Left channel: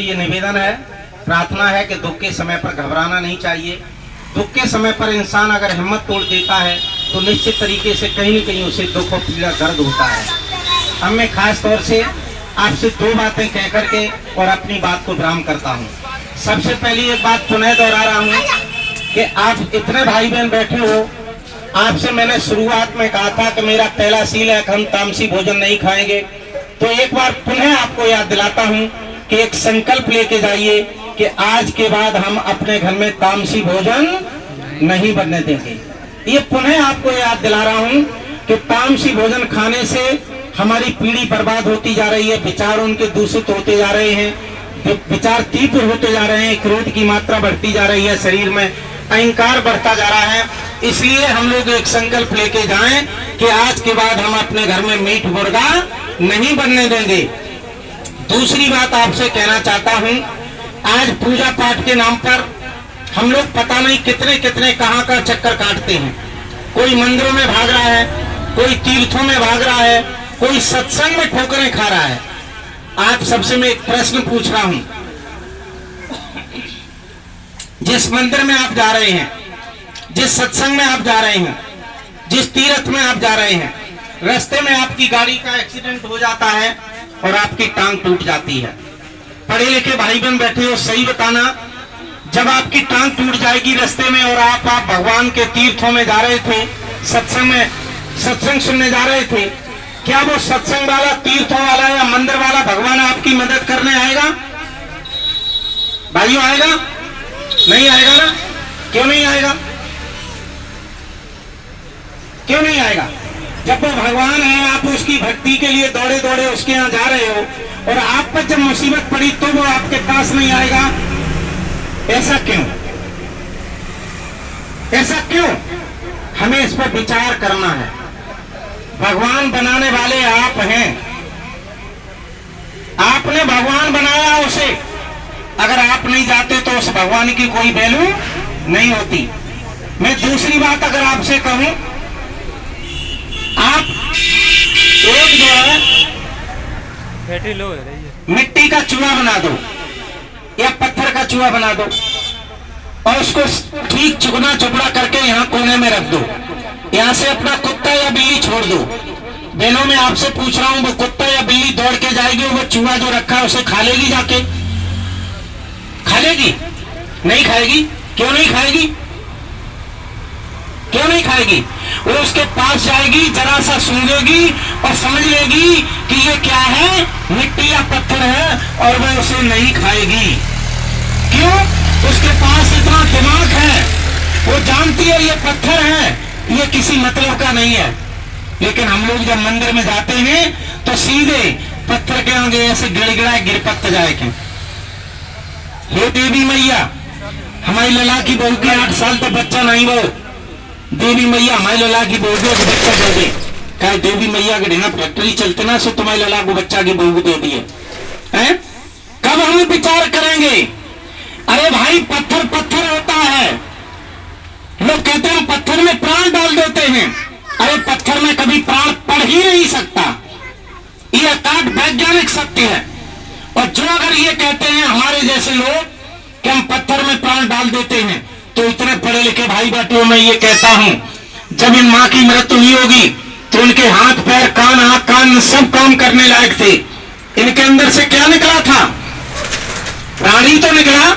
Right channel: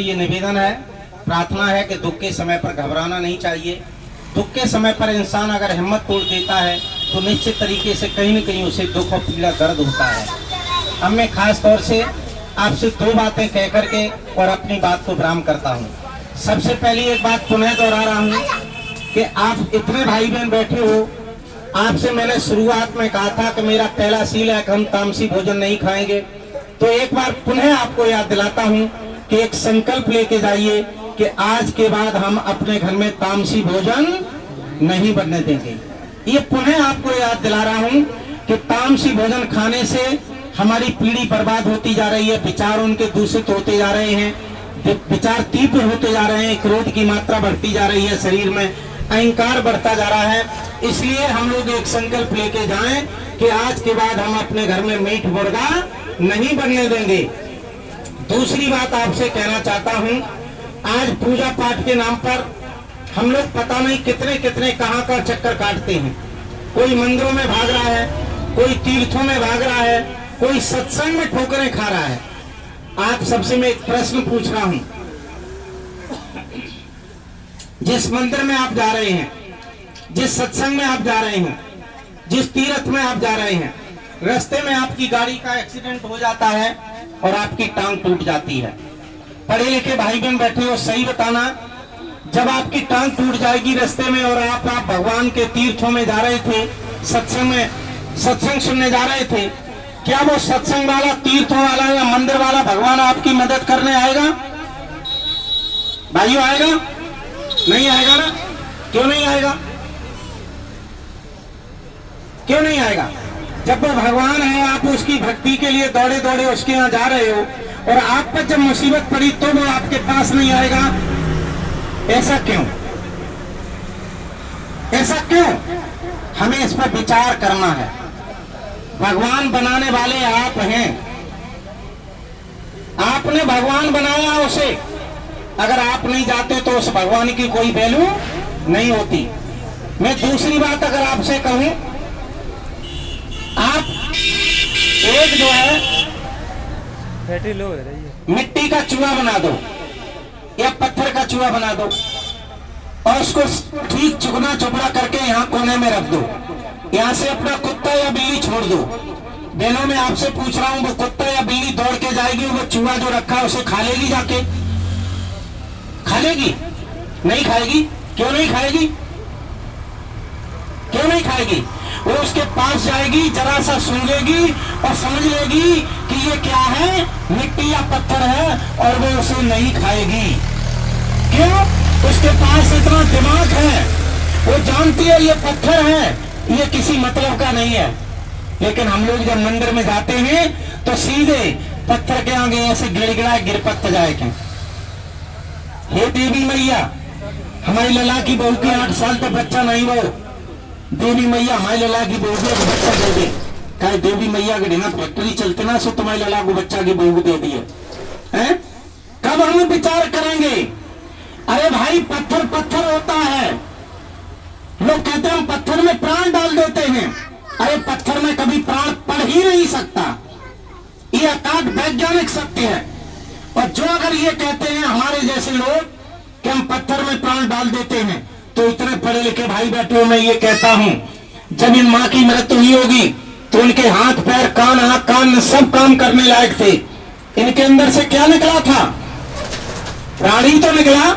ये निवेदन है, प्रार्थना है कि दुख के समय पर घबराना नहीं चाहिए। दुख के समय पर इंसान अगर हिम्मत तोड़ देता है तो निश्चित तरीके से कहीं न कहीं उसे दुख और पीड़ा दर्द होता है। अब मैं खास तौर से आपसे दो बातें कह करके और अपनी बात को विराम करता हूँ। सबसे पहली एक बात पुनः दोहरा रहा हूँ कि आप इतने भाई बहन बैठे हो, आपसे मैंने शुरुआत में कहा था कि मेरा पहला सील है कि हम तामसी भोजन नहीं खाएंगे। तो एक बार पुनः आपको याद दिलाता हूँ कि एक संकल्प लेके जाइए कि आज के बाद हम अपने घर में तामसी भोजन नहीं बनने देंगे। ये पुनः आपको याद दिला रहा हूँ कि तामसी भोजन खाने से हमारी पीढ़ी बर्बाद होती जा रही है, विचार उनके दूषित होते जा रहे हैं, विचार तीव्र होते जा रहे हैं, क्रोध की मात्रा बढ़ती जा रही है, शरीर में अहंकार बढ़ता जा रहा है। इसलिए हम लोग एक संकल्प लेके जाएं कि आज के बाद हम अपने घर में मीट मुर्गा नहीं बनने देंगे। दूसरी बात आपसे कहना चाहता हूं, आज पूजा पाठ के नाम पर हम लोग पता नहीं कितने कितने कहां का चक्कर काटते हैं। कोई मंदिरों में भाग रहा है, कोई तीर्थों में भाग रहा है, कोई सत्संग में ठोकरें खा रहा है। आप सबसे मैं एक प्रश्न पूछ रहा हूं, जिस मंदिर में आप जा रहे हैं, जिस सत्संग में आप जा रहे हैं, जिस तीर्थ में आप जा रहे हैं, रास्ते में आपकी गाड़ी का एक्सीडेंट हो जाता है और आपकी टांग टूट जाती है। पढ़े लिखे भाई बहन बैठे हो, सही बताना, जब आपकी टांग टूट जाएगी रास्ते में और आप भगवान के तीर्थों में जा रहे थे, सत्संग सुनने जा रहे थे, क्या वो सत्संग वाला, तीर्थों वाला या मंदिर वाला भगवान आपकी मदद करने आएगा? भाइयों आएगा? नहीं आएगा ना? क्यों नहीं आएगा? क्यों नहीं आएगा? जब वो भगवान है, आप उसकी भक्ति के लिए दौड़े दौड़े उसके यहाँ जा रहे हो और आप पर जब मुसीबत पड़ी तो वो आपके पास नहीं आएगा। ऐसा क्यों? ऐसा क्यों? हमें इस पर विचार करना है। भगवान बनाने वाले आप हैं, आपने भगवान बनाया उसे। अगर आप नहीं जाते तो उस भगवान की कोई वैल्यू नहीं होती। मैं दूसरी बात अगर आपसे कहूं, आप एक जो है मिट्टी का चूहा बना दो या पत्थर का चूहा बना दो और उसको ठीक चुगना चुपड़ा करके यहाँ कोने में रख दो। यहाँ से अपना कुत्ता या बिल्ली छोड़ दो। बहनों में आपसे पूछ रहा हूँ, वो कुत्ता या बिल्ली दौड़ के जाएगी, वो चूहा जो रखा है उसे खा लेगी? जाके खा लेगी? नहीं खाएगी। क्यों नहीं खाएगी? क्यों नहीं खाएगी? वो उसके पास जाएगी, जरा सा सूंघेगी और समझ लेगी कि ये क्या है, मिट्टी या पत्थर है, और वो उसे नहीं खाएगी। क्यों? उसके पास इतना दिमाग है, वो जानती है ये पत्थर है, ये किसी मतलब का नहीं है। लेकिन हम लोग जब मंदिर में जाते हैं तो सीधे पत्थर के आगे ऐसे गिड़गिड़ाए गिरपत जाए के, हे देवी मैया, हमारी लला की बहू के 8 साल तक बच्चा नहीं, वो देवी मैया हमारी लला की बहू को बच्चा दे दे। क्या देवी मैया के ना फैक्ट्री चलते ना, सो तुम्हारी लला को बच्चा की बहू दे दिए हैं? कब हम विचार करेंगे? अरे भाई, पत्थर पत्थर होता है। लोग कहते हैं पत्थर में प्राण डाल देते हैं। अरे पत्थर में कभी प्राण पड़ ही नहीं सकता। ये अकाट वैज्ञानिक सत्य है। और जो अगर ये कहते हैं हमारे जैसे लोग कि हम पत्थर में प्राण डाल देते हैं, तो इतने पढ़े लिखे भाई बैठे हो, मैं ये कहता हूं, जब इन माँ की मृत्यु हुई होगी तो उनके हाथ पैर कान, आंख कान सब काम करने लायक थे। इनके अंदर से क्या निकला था? प्राणी तो निकला।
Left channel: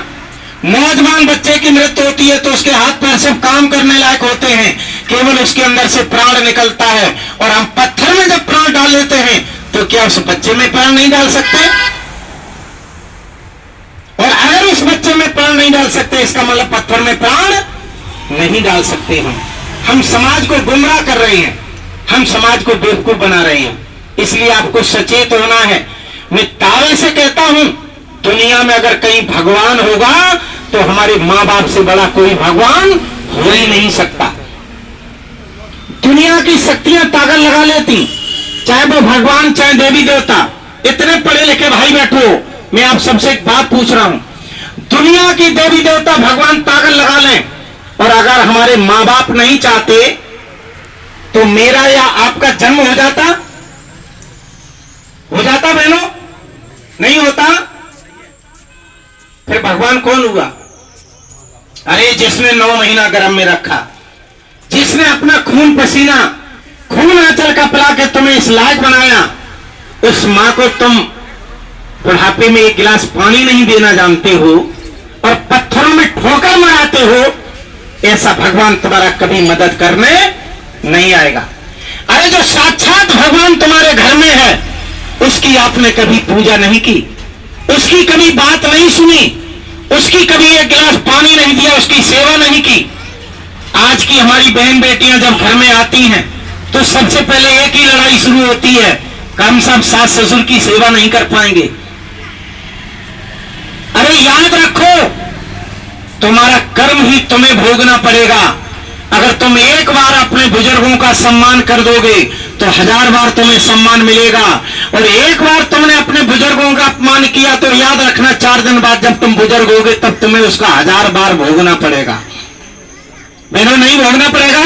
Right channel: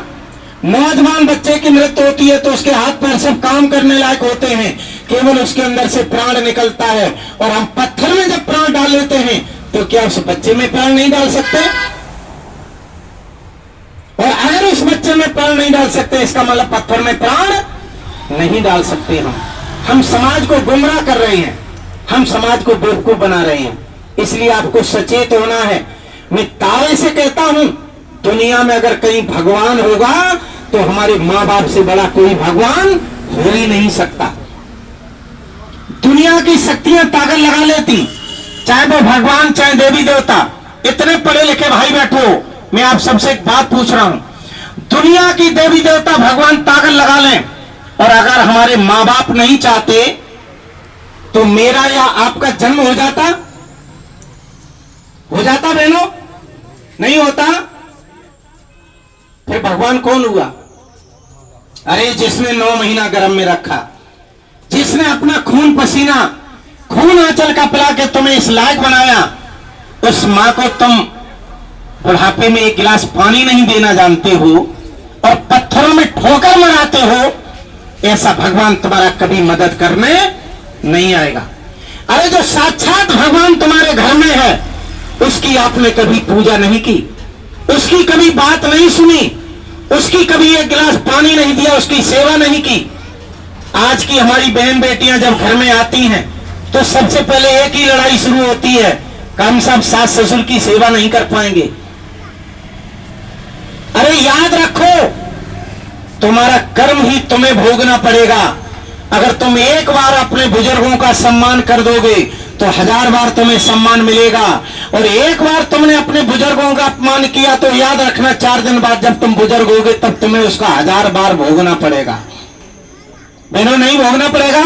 नौजवान बच्चे की मृत्यु होती है तो उसके हाथ पैर सब काम करने लायक होते हैं, केवल उसके अंदर से प्राण निकलता है। और हम पत्थर में जब प्राण डाल लेते हैं तो क्या उस बच्चे में प्राण नहीं डाल सकते? और अगर उस बच्चे में प्राण नहीं डाल सकते, इसका मतलब पत्थर में प्राण नहीं डाल सकते। हम समाज को गुमराह कर रहे हैं, हम समाज को बेवकूफ बना रहे हैं। इसलिए आपको सचेत होना है। मैं दावे से कहता हूं, दुनिया में अगर कहीं भगवान होगा तो हमारे माँ बाप से बड़ा कोई भगवान हो ही नहीं सकता। दुनिया की शक्तियां ताकत लगा लेती, चाहे वो भगवान चाहे देवी देवता। इतने पढ़े लिखे भाई बैठो, मैं आप सबसे एक बात पूछ रहा हूं, दुनिया की देवी देवता भगवान ताकत लगा लें, और अगर हमारे माँ बाप नहीं चाहते तो मेरा या आपका जन्म हो जाता? हो जाता बहनों? नहीं होता। भगवान कौन हुआ? अरे जिसने 9 महीना गर्भ में रखा, जिसने अपना खून पसीना, खून आंचल का पिला के तुम्हें इस लायक बनाया, उस मां को तुम बुढ़ापे में 1 गिलास पानी नहीं देना जानते हो और पत्थरों में ठोकर मराते हो, ऐसा भगवान तुम्हारा कभी मदद करने नहीं आएगा। अरे जो साक्षात भगवान तुम्हारे घर में है, उसकी आपने कभी पूजा नहीं की, उसकी कभी बात नहीं सुनी, उसकी कभी 1 गिलास पानी नहीं दिया, उसकी सेवा नहीं की। आज की हमारी बहन बेटियां जब घर में आती हैं तो सबसे पहले एक ही लड़ाई शुरू होती है कि हम सब सास ससुर की सेवा नहीं कर पाएंगे। अरे याद रखो, तुम्हारा कर्म ही तुम्हें भोगना पड़ेगा। अगर तुम एक बार अपने बुजुर्गों का सम्मान कर दोगे तो 1000 बार तुम्हें सम्मान मिलेगा, और एक बार तुमने अपने बुजुर्गों का अपमान किया तो याद रखना 4 दिन बाद जब तुम बुजुर्ग होगे तब तुम्हें उसका 1000 बार भोगना पड़ेगा। बहनों, नहीं भोगना पड़ेगा?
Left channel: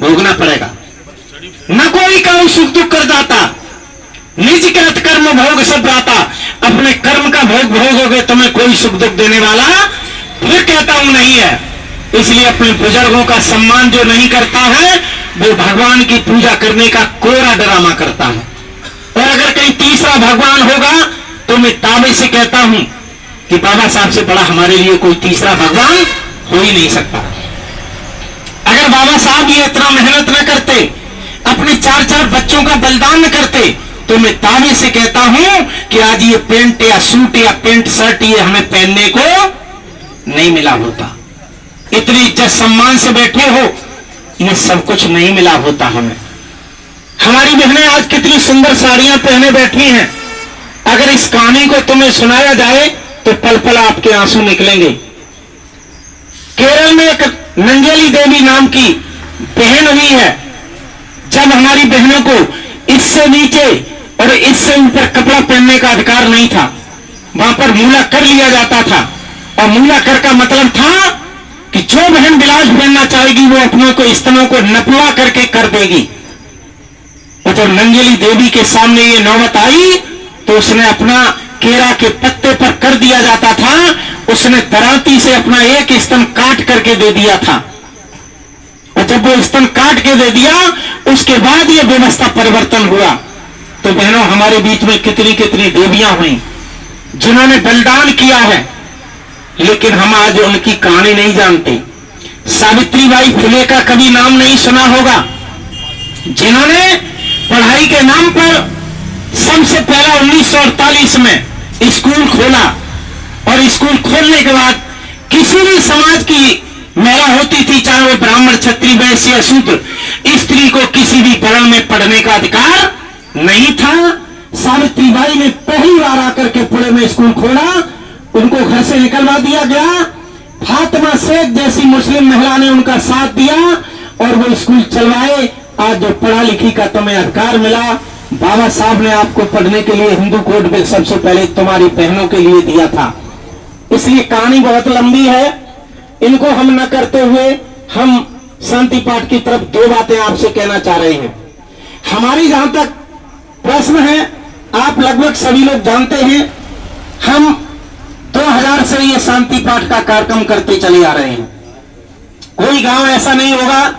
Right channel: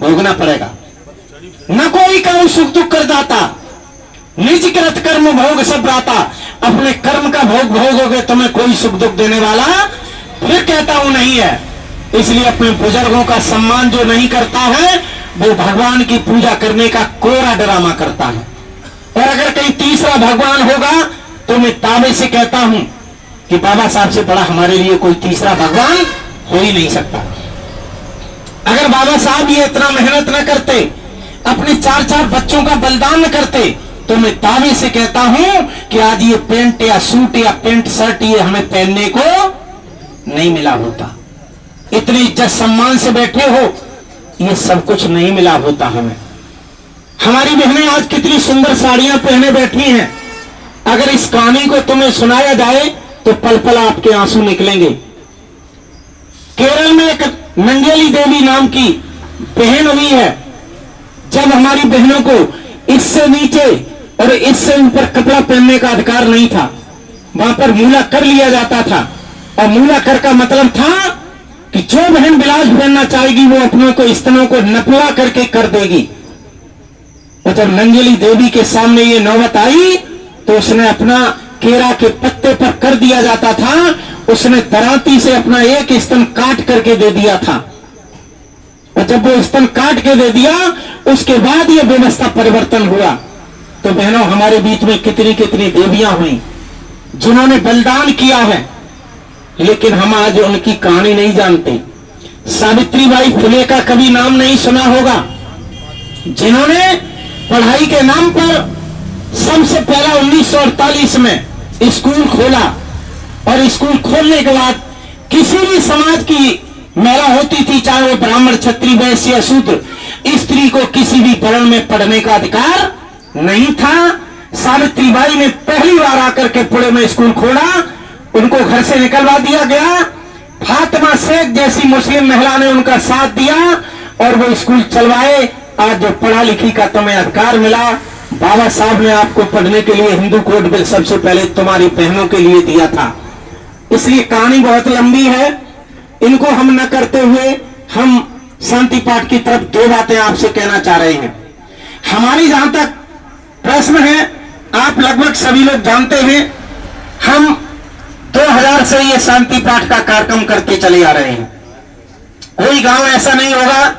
भोगना पड़ेगा। न कोई कर्म सुख दुख कर दाता, निज कृत कर्म भोग सब राता। अपने कर्म का भोग भोगोगे, तुम्हें कोई सुख दुख देने वाला फिर कहता हूं नहीं है। इसलिए अपने बुजुर्गों का सम्मान जो नहीं करता है वो भगवान की पूजा करने का कोरा ड्रामा करता है। और अगर कहीं तीसरा भगवान होगा तो मैं दावे से कहता हूं कि बाबा साहब से बड़ा हमारे लिए कोई तीसरा भगवान हो ही नहीं सकता। अगर बाबा साहब ये इतना मेहनत न करते, अपने 4-4 बच्चों का बलिदान न करते, तो मैं दावे से कहता हूं कि आज ये पेंट या सूट या पेंट शर्ट ये हमें पहनने को नहीं मिला होता। इतनी इज्जत सम्मान से बैठे हो, ये सब कुछ नहीं मिला होता हमें। हमारी बहनें आज कितनी सुंदर साड़ियां पहने बैठी हैं। अगर इस कहानी को तुम्हें सुनाया जाए तो पल पल आपके आंसू निकलेंगे। केरल में एक नंगेली देवी नाम की बहन हुई है। जब हमारी बहनों को इससे नीचे और इससे ऊपर कपड़ा पहनने का अधिकार नहीं था, वहां पर मूला कर लिया जाता था। और मूला कर का मतलब था कि जो बहन ब्लाउज पहनना चाहेगी वो अपनों को स्तनों को नपवा करके कर देगी। और जब नंगेली देवी के सामने ये नौबत आई तो उसने अपना केरा के पत्ते पर कर दिया जाता था, उसने दरांती से अपना एक स्तन काट करके दे दिया था। और जब वो स्तन काट के दे दिया उसके बाद ये व्यवस्था परिवर्तन हुआ। तो बहनों, हमारे बीच में कितनी कितनी देवियां हुई जिन्होंने बलिदान किया है, लेकिन हम आज उनकी कहानी नहीं जानते। सावित्रीबाई फुले का कभी नाम नहीं सुना होगा, जिन्होंने पढ़ाई के नाम पर सबसे पहला 1948 में स्कूल खोला। और स्कूल खोलने के बाद किसी भी समाज की महिला होती थी, चाहे वो ब्राह्मण, क्षत्रिय, वैश्य या शूद्र, स्त्री को किसी भी वर्ण में पढ़ने का अधिकार नहीं था। सावित्रीबाई ने पहली बार आकर के पुणे में स्कूल खोला, उनको घर से निकलवा दिया गया। फातिमा शेख जैसी मुस्लिम महिला ने उनका साथ दिया और वो स्कूल चलवाए। आज जो पढ़ा लिखी का तुम्हें अधिकार मिला, बाबा साहब ने आपको पढ़ने के लिए हिंदू कोड बिल सबसे पहले तुम्हारी बहनों के लिए दिया था। इसलिए कहानी बहुत लंबी है, इनको हम न करते हुए हम शांति पाठ की तरफ 2 बातें आपसे कहना चाह रहे हैं। हमारी जहां तक प्रश्न है, आप लगभग सभी लोग जानते हैं, हम 2000 से ये शांति पाठ का कार्यक्रम करते चले आ रहे हैं। कोई गांव ऐसा नहीं होगा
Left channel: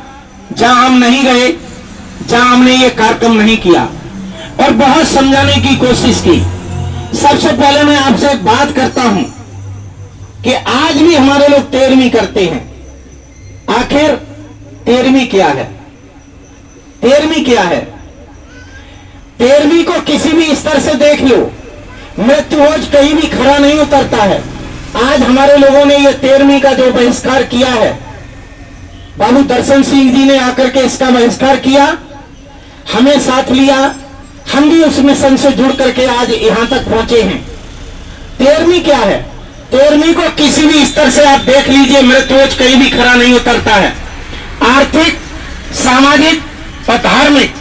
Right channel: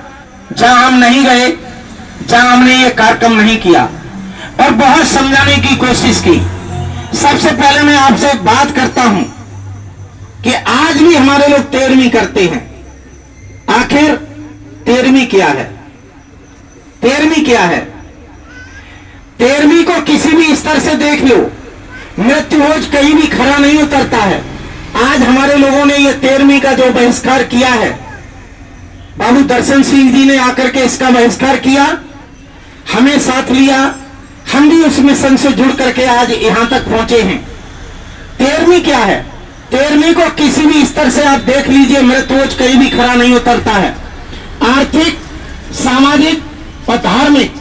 जहां हम नहीं गए, जहां हमने ये कार्यक्रम नहीं किया और बहुत समझाने की कोशिश की। सबसे पहले मैं आपसे बात करता हूं कि आज भी हमारे लोग 13वीं करते हैं। आखिर 13वीं क्या है? 13वीं क्या है? 13वीं को किसी भी स्तर से देख लो, मृत्युभोज कहीं भी खरा नहीं उतरता है। आज हमारे लोगों ने ये 13वीं का जो बहिष्कार किया है, बाबू दर्शन सिंह जी ने आकर के इसका बहिष्कार किया, हमें साथ लिया, हम भी उस मिशन से जुड़ करके आज यहां तक पहुंचे हैं। 13वीं क्या है? 13वीं को किसी भी स्तर से आप देख लीजिए, मृत्युभोज कहीं भी खरा नहीं उतरता है। आर्थिक, सामाजिक और धार्मिक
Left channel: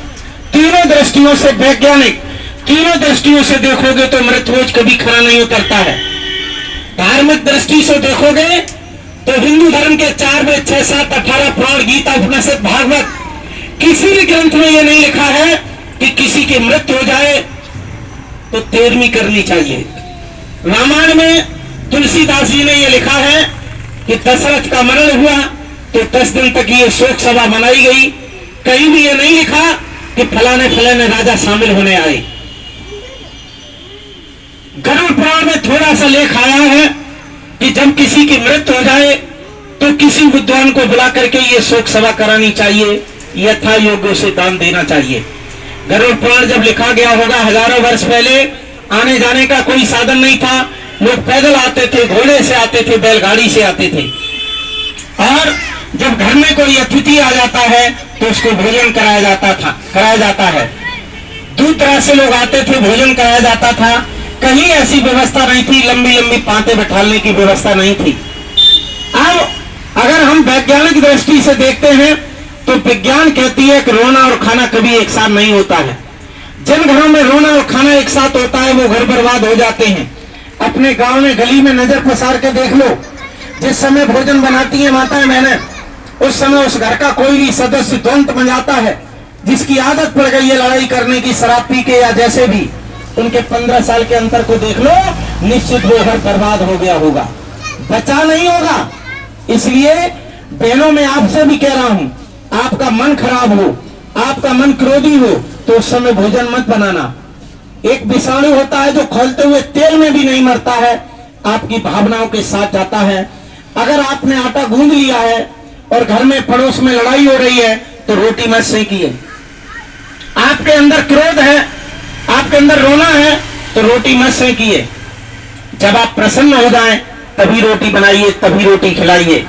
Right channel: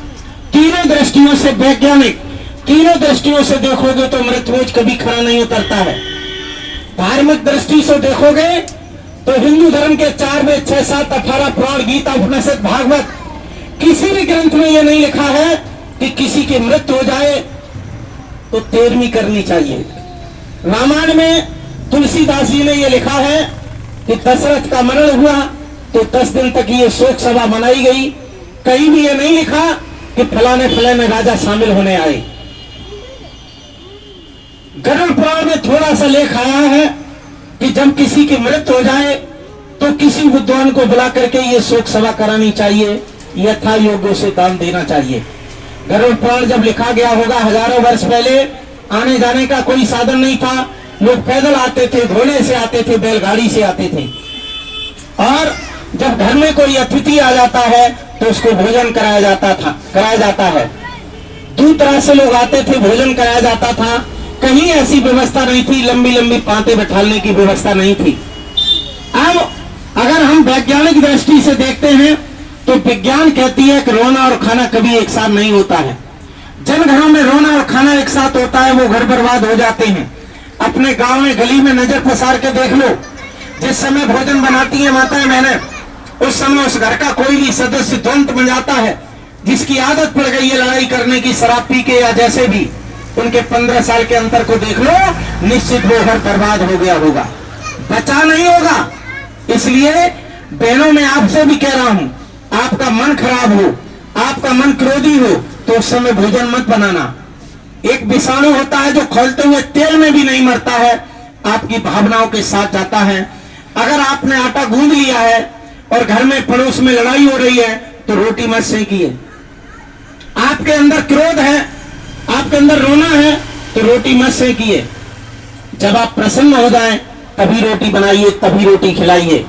तीनों दृष्टियों से, वैज्ञानिक तीनों दृष्टियों से देखोगे तो मृत्युभोज कभी खरा नहीं उतरता है। धार्मिक दृष्टि से देखोगे तो हिंदू धर्म के 4 वेद, 6, 7, 18 पुराण, गीता, उपनिषद, भागवत, किसी भी ग्रंथ में यह नहीं लिखा है कि किसी की मृत्यु हो जाए तो 13वीं करनी चाहिए। रामायण में तुलसीदास जी ने ये लिखा है कि दशरथ का मरण हुआ तो 10 दिन तक ये शोक सभा मनाई गई। कहीं भी ये नहीं लिखा कि फलाने फलाने राजा शामिल होने आए। गरुड़ पुराण में थोड़ा सा लेख आया है कि जब किसी की मृत्यु हो जाए तो किसी विद्वान को बुला करके ये शोक सभा करानी चाहिए, यथा योग्य से दान देना चाहिए। गरुड़ पुराण जब लिखा गया होगा हजारों वर्ष पहले, आने जाने का कोई साधन नहीं था, लोग पैदल आते थे, घोड़े से आते थे, बैलगाड़ी से आते थे। और जब घर में कोई अतिथि आ जाता है तो उसको भोजन कराया जाता है। दूर दराज से लोग आते थे, भोजन कराया जाता था। कहीं ऐसी व्यवस्था नहीं थी, लंबी लंबी पांते बैठाने की व्यवस्था नहीं थी। अब अगर हम वैज्ञानिक दृष्टि से देखते हैं तो विज्ञान कहती है कि रोना और खाना कभी एक साथ नहीं होता है। जिन घरों में रोना और खाना एक साथ होता है वो घर बर्बाद हो जाते हैं। अपने गांव में गली में नजर पसार के देख लो, जिस समय भोजन बनाती है माताएं बहनें, उस समय उस घर का कोई भी सदस्य द्वंद बन जाता है, जिसकी आदत पड़ गई है लड़ाई करने की, शराब पी के या जैसे भी, उनके 15 साल के अंतर को देख लो, निश्चित वो घर बर्बाद हो गया होगा, बचा नहीं होगा। इसलिए बहनों में आपसे भी कह रहा हूं, आपका मन खराब हो, आपका मन क्रोधी हो तो उस समय भोजन मत बनाना। एक विषाणु होता है जो खोलते हुए तेल में भी नहीं मरता है, आपकी भावनाओं के साथ जाता है। अगर आपने आटा गूंद लिया है और घर में पड़ोस में लड़ाई हो रही है तो रोटी मत सेकिए। आपके अंदर क्रोध है, आपके अंदर रोना है तो रोटी मत सेकिए। जब आप प्रसन्न हो जाएं तभी रोटी बनाइए, तभी रोटी खिलाइए।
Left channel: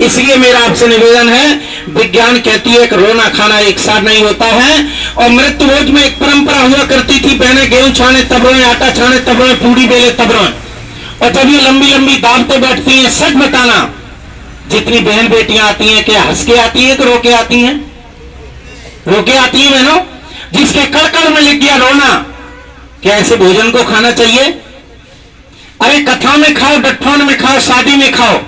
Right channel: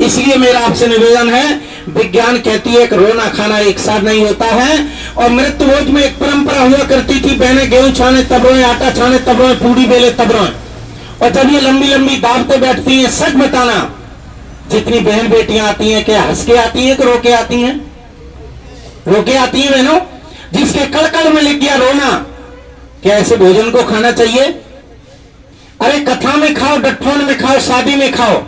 इसलिए मेरा आपसे निवेदन है, विज्ञान कहती है कि रोना खाना एक साथ नहीं होता है। और मृत्यु भोज में एक परंपरा हुआ करती थी, बहनें गेहूं छाने तब रोए, आटा छाने तब रोए, पूड़ी बेले तब रोए। और जब ये लंबी लंबी दावतें बैठती हैं, सच बताना, जितनी बहन बेटियां आती हैं क्या हंस के आती है कि रो के आती हैं? रो के आती है बहनों। जिसके कड़ में लिख गया रोना, क्या ऐसे भोजन को खाना चाहिए? अरे कथा में खाओ, डठौन में खाओ, शादी में खाओ,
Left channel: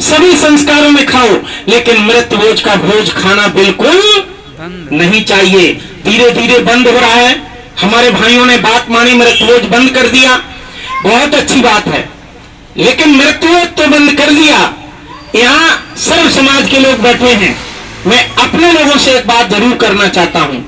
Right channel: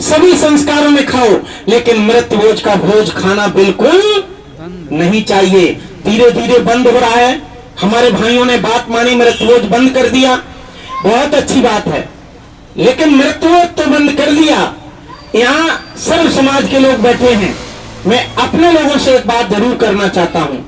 सभी संस्कारों में खाओ, लेकिन मृत्यु भोज का भोज खाना बिल्कुल नहीं चाहिए। धीरे धीरे बंद हो रहा है। हमारे भाइयों ने बात मानी, मृत्यु भोज बंद कर दिया, बहुत अच्छी बात है। लेकिन मृत्यु भोज तो बंद कर दिया, यहाँ सर्व समाज के लोग बैठे हैं। मैं अपने लोगों से एक बात जरूर करना चाहता हूं,